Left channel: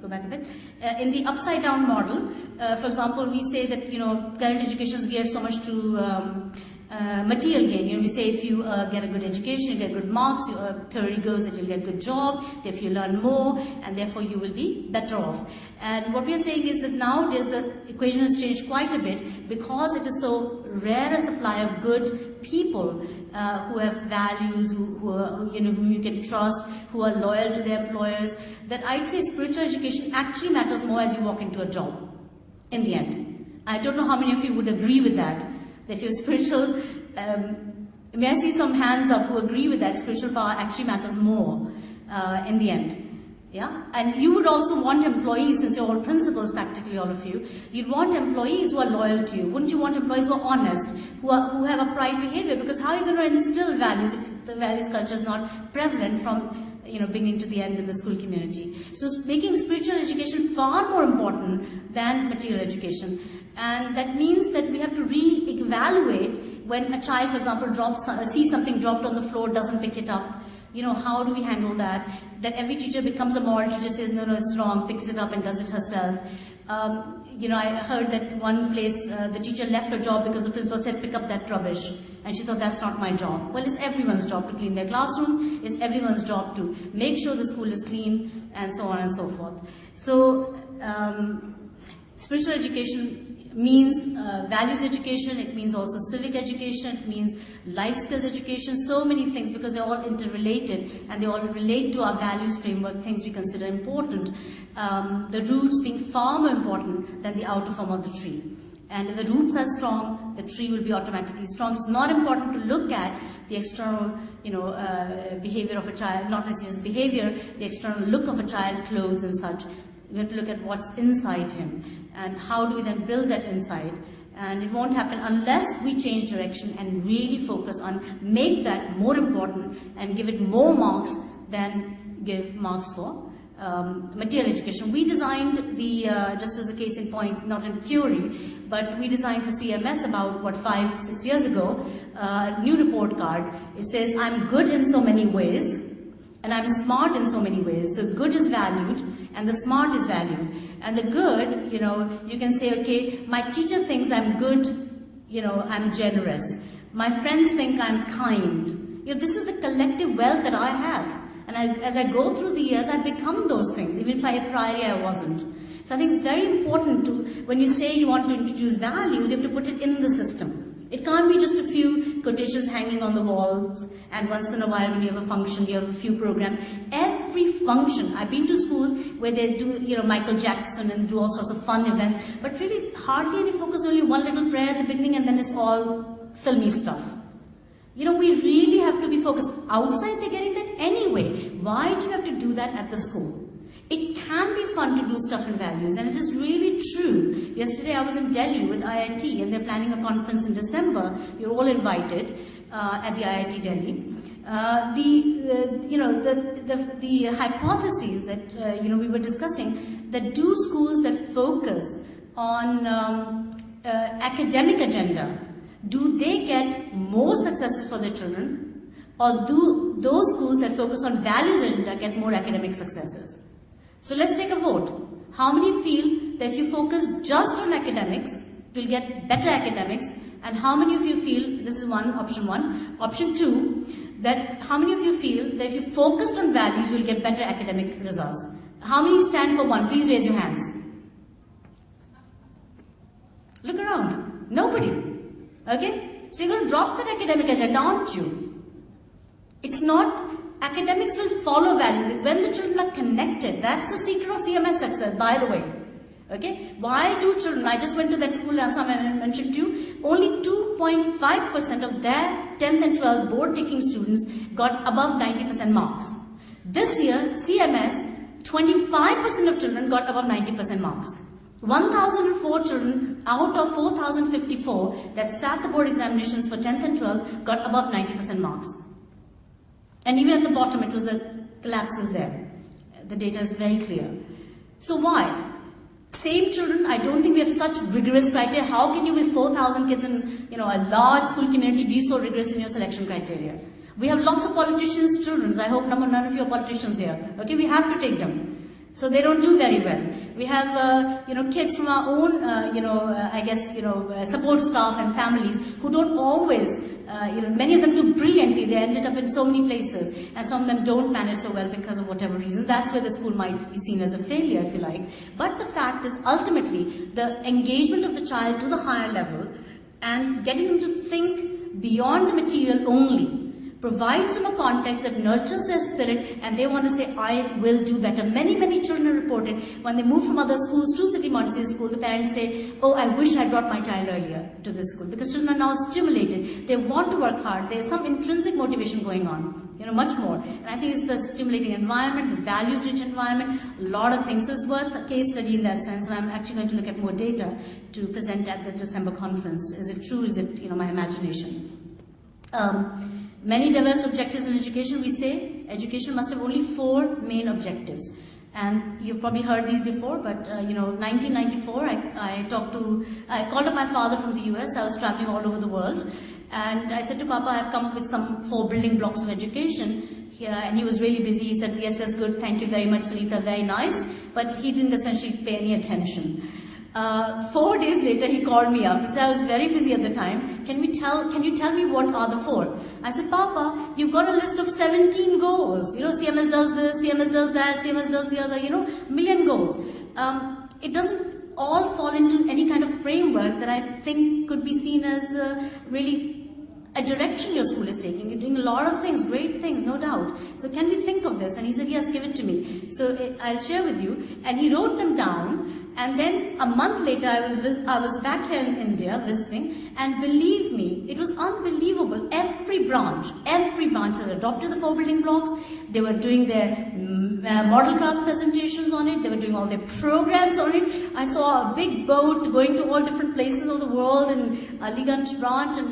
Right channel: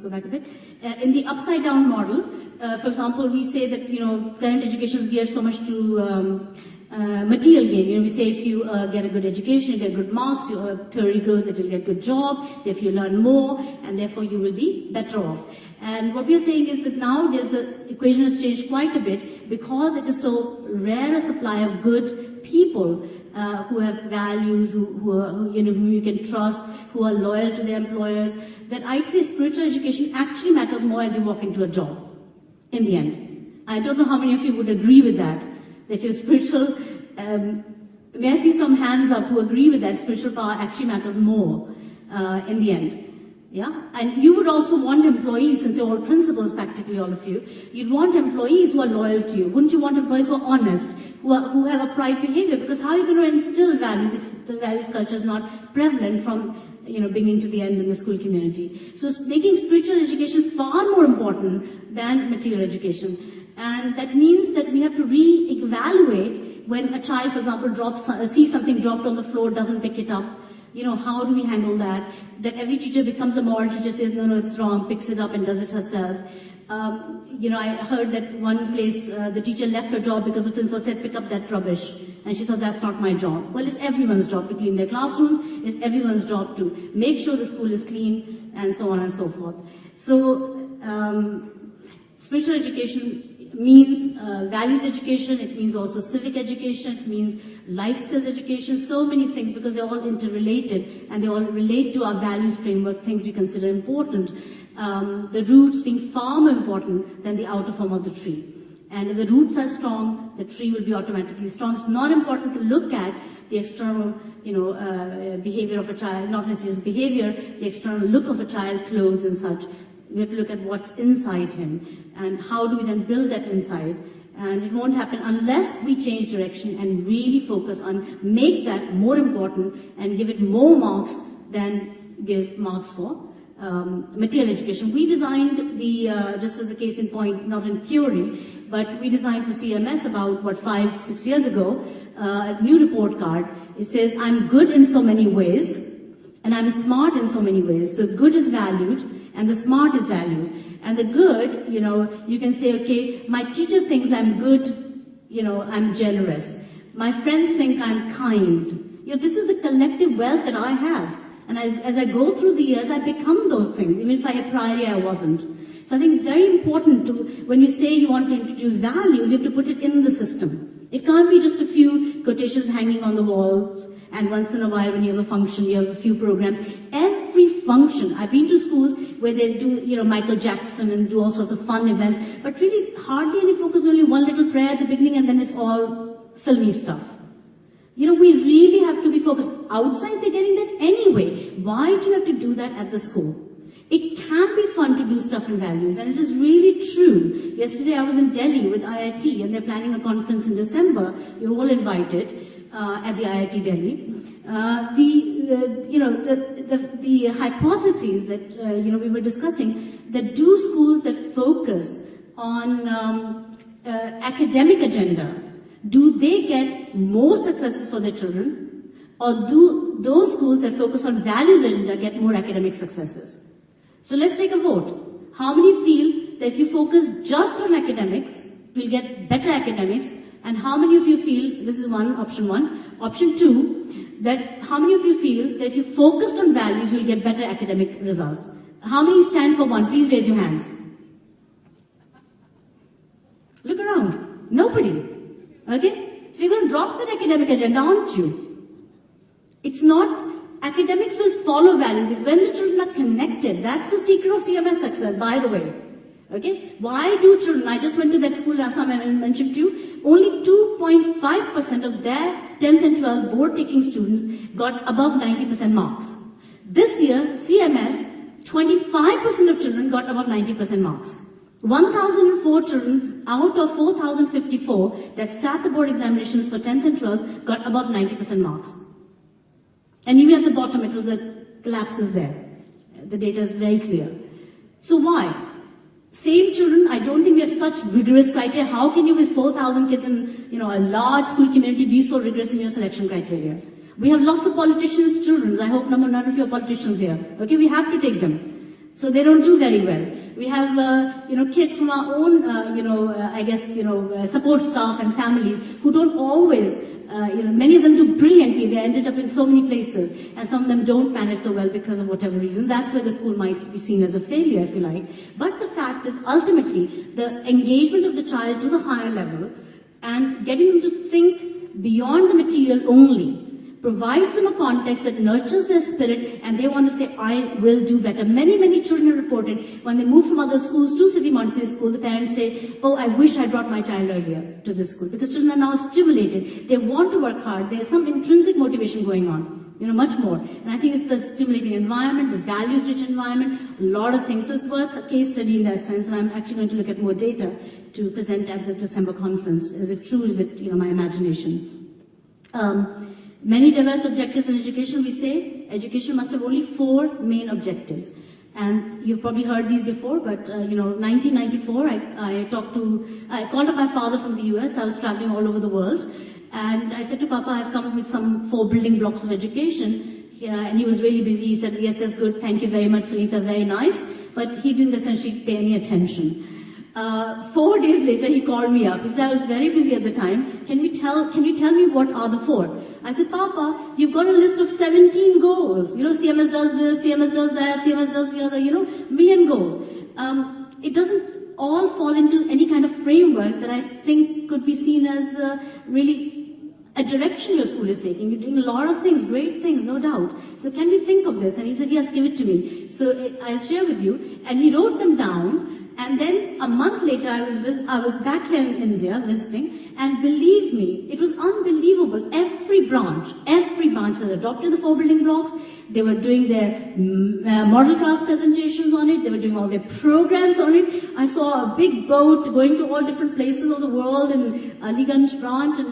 go back a bit. In the upside down model, for example, we say that, current education is geared so much to material gain. We say if you get a good education, you get good marks, your theory goes that you'll get a good job, therefore you learn more, and therefore you will be better off. And what we're saying is that nowadays the equation has changed quite a bit because it is so rare a supply of good people who have values, whom you can trust, who are loyal to their employers, that I'd say spiritual education actually matters more as you walk into a job, in the end. I don't know how many of you would agree with that. If you're spiritual, may I see some hands up who agree with that? Spiritual power actually matters more in the end. Yeah? And you would also want employees, since you're all principals, practically all of you, you'd want employees who are loyal to you. Wouldn't you want employees who are honest, who have a pride behavior? Because how are you going to instill values if the values culture is not prevalent from beginning to the end in the school community? So making spiritual education far more important than material education. And that means that we have to re-evaluate when a child, for example, sees something dropped on the floor, doesn't pick it up. How do we handle that? That every teacher becomes a moral teacher, says, no, it's wrong, picks it up and does it herself. I heard that one place the teacher left her job because the principal said, pick up that rubbish. And she thought, that's not my job. Well, it's everyone's job to clean their classrooms. It's everyone's job to make sure the school is clean, and so on and so forth. So, spiritual education means values education, it means also civic education, it means life skills education, so many things, because they're all interrelated and they all relate to our values framework, things we consider important. The roots being far more important than the outer form of the tree. And if the roots are strong, the tree will be automatically strong. It's not important to look at the external, behavior of a child, not necessarily his behavior, the external look of a child, clothes and such. We have to look at what's inside him and how do we then build that inside. And it won't happen unless we change direction and really focus on make that more important and give it more marks than give marks for material education. We designed the, just as a case in point, not in theory, but we designed for CMS about, 5-6 years ago, a new report card. It says, I'm good in so many ways, and I'm smart in so many ways. So good is valued, and the smart is valued. And the good, you can say, okay, my teacher thinks I'm good, I'm generous. My friends think I'm kind. This is the collective wealth that I have. And as I go through the years, I become those things, even if priorly I wasn't. So I think it's very important to, when you say you want to introduce values, you have to put it in the system. It can't be just a few quotations hanging on the walls, and once in a while when you have a function, you have a few programs. Every function, I've been to schools where they do, Michael Jackson and do all sorts of fun events, but really hardly any focus, only one little prayer at the beginning and then it's all filmy stuff. We really have to be focused. Outside they're getting that anyway. Why do you have to do that at the school? It can be fun to do stuff in values, and it is really true. Yesterday I was in Delhi with IIT, and they're planning a conference in December. You're all invited at the IIT Delhi. The hypotheses that we were discussing, that do schools that focus on academic agenda, do they get more successes for their children, or do those schools that focus on values agenda get more academic successes? So let's take a vote. How many feel that if you focus just on academics, you'll get better academics? And how many of you feel, this is option one. Option two, that how many of you feel that if you focused on values, you'll get better academic results? How many stand for one? Please raise your hands. Look around. Nobody. Okay? So you're going to drop that academic agenda, aren't you? It's not. Academics will follow values. If when the children are connected, that's the secret of CMS success, by the way. Okay? Why do children, I just went to that school last time I mentioned to you, only 2.5% of their 10th and 12th board taking students got above 90% marks. This year, CMS, 25% of children got above 90% marks. 1,004 children out of 4,054 that sat the board examinations for 10th and 12th got above 90% marks. And even at the bottom, it was the collapses there. The data is very clear. So why? Same children, I don't think we have such rigorous criteria. How can you, with 4,000 kids in a large school community, be so rigorous in your selection criteria? We have lots of politicians' children. I hope none of you are politicians here. Okay, we have to take them. So they don't do very well. We have, kids from our own, support staff and families who don't always, many of them do brilliantly. They ended up in so many places, and some of them don't manage so well because of whatever reason. That's where the school might be seen as a failure, if you like. But the fact is, ultimately, the engagement of the child to the higher level and getting them to think beyond the material only provides them a context that nurtures their spirit, and they want to say, I will do better. Many, many children reported when they move from other schools to City Montessori School, the parents say, oh, I wish I brought my child earlier to this school, because children are now stimulated. They want to work hard. There's some intrinsic motivation going on, much more. And I think it's the stimulating environment, the values-rich environment, a lot of things. So it's worth a case study in that sense, and I'm actually going to look at more data to present at the December conference. Is it true? Is it, my imagination? Many diverse objectives in education, we say education must have only 4 main objectives. And you've probably heard these before, but 1994, I called up my father from the US. I was traveling all over the world. And I said to Papa, I've come up with some 4 building blocks of education. And he was really busy. He said, yes, good. Thank you very much, Sunita. Very nice. But he didn't essentially pay any attention. 4 days later, he called me up. He said, I was very busy at the time. Can you tell me what are the 4? I said, Papa, you've got a list of 17 goals. CMS does this, CMS does that, CMS does the other, million goals. It doesn't all fall into any kind of framework that I think could be seen as really a direction your school is taking. You're doing a lot of things, great things, no doubt. So can we think of this? And he said, yes, give it to me. So I'll share with you. And he wrote them down. And then a month later, I was back here in India visiting, and believe me, it was unbelievable. Every branch had adopted the 4 building blocks. They were doing their model class presentations on it. They were doing all their programs on it. I saw a big boat going to all different places of the world in Aliganj branch, and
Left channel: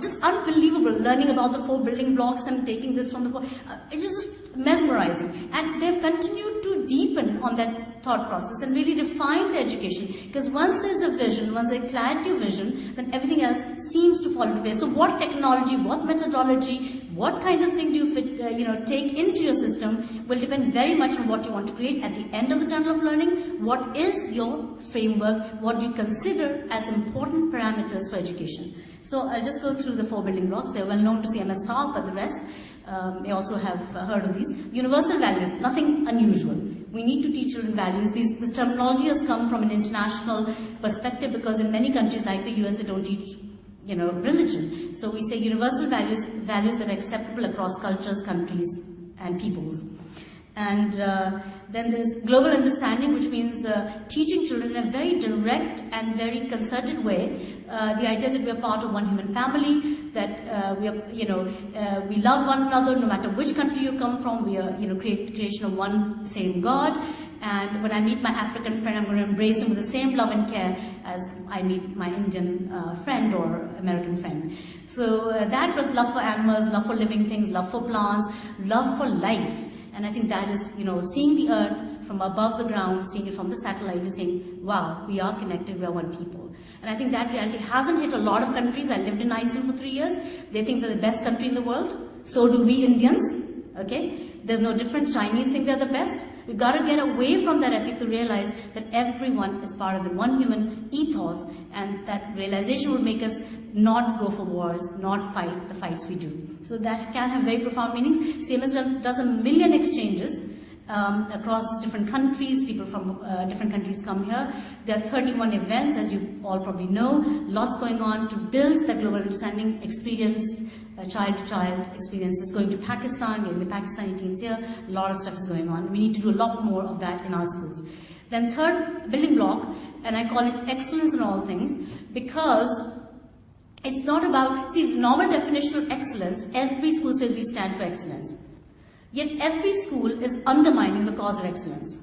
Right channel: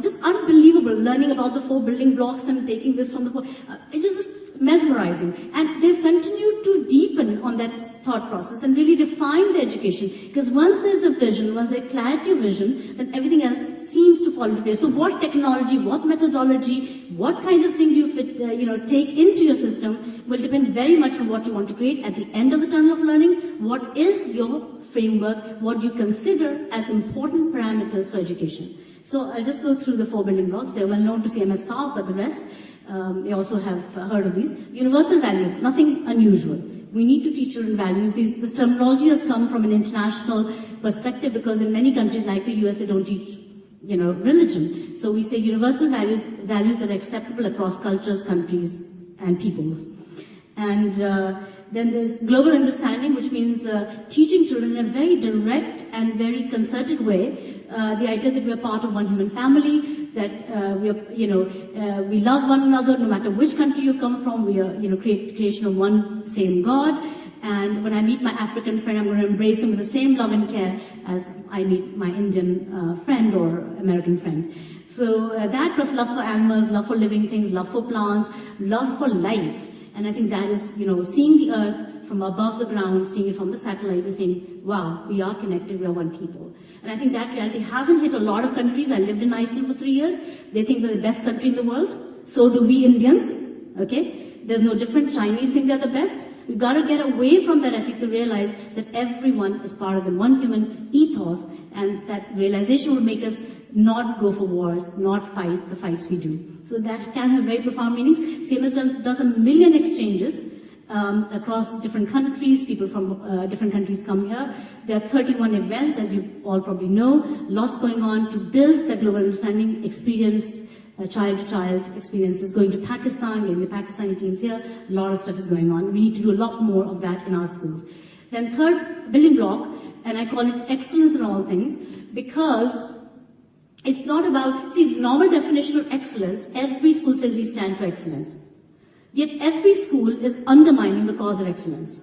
just unbelievable learning about the 4 building blocks and taking this from the. It's just mesmerizing, and they've continued to deepen on that thought process and really define the education, because once there's a vision, once there's clarity of vision, then everything else seems to fall into place. So what technology, what methodology, what kinds of things do you take into your system will depend very much on what you want to create at the end of the tunnel of learning. What is your framework? What do you consider as important parameters for education? So I'll just go through the 4 building blocks. They're well known to CMS staff, but the rest, you also have heard of these. Universal values, nothing unusual. We need to teach children values. This terminology has come from an international perspective, because in many countries like the US, they don't teach, religion. So we say universal values that are acceptable across cultures, countries, and peoples. And then there's global understanding, which means teaching children in a very direct and very concerted way the idea that we're part of one human family, that we love one another no matter which country you come from. We are creation of one same God. And when I meet my African friend, I'm going to embrace him with the same love and care as I meet my Indian friend or American friend. So that was love for animals, love for living things, love for plants, love for life. And I think that is, seeing the earth from above the ground, seeing it from the satellite, is saying, wow, we are connected, we are one people. And I think that reality hasn't hit a lot of countries. I lived in Iceland for 3 years. They think they're the best country in the world. So do we Indians, okay? There's no difference. Chinese think they're the best. We've got to get away from that ethic to realize that everyone is part of the one human ethos, and that realization will make us not go for wars, not fight the fights we do. So that can have very profound meanings. CMS does 1 million exchanges across different countries. People from different countries come here. There are 31 events, as you all probably know. Lots going on to build that global understanding, experience, child-to-child experiences. Going to Pakistan, getting the Pakistani teams here. A lot of stuff is going on. We need to do a lot more of that in our schools. Then 3rd building block, and I call it excellence in all things, because it's not about, the normal definition of excellence, every school says we stand for excellence. Yet every school is undermining the cause of excellence.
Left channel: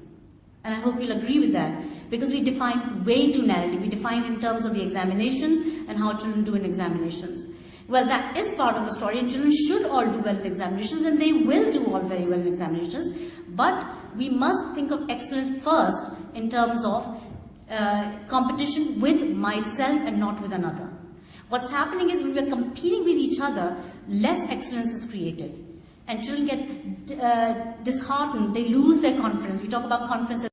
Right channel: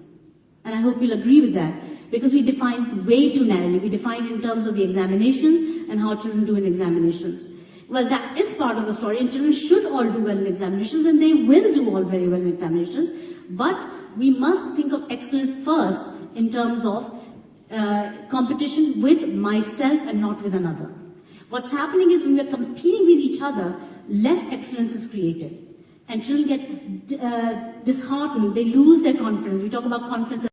And I hope you'll agree with that, because we define way too narrowly. We define in terms of the examinations and how children do in examinations. Well, that is part of the story, and children should all do well in examinations, and they will do all very well in examinations. But we must think of excellence first in terms of competition with myself and not with another. What's happening is when we're competing with each other, less excellence is created. and children get disheartened, they lose their confidence. We talk about confidence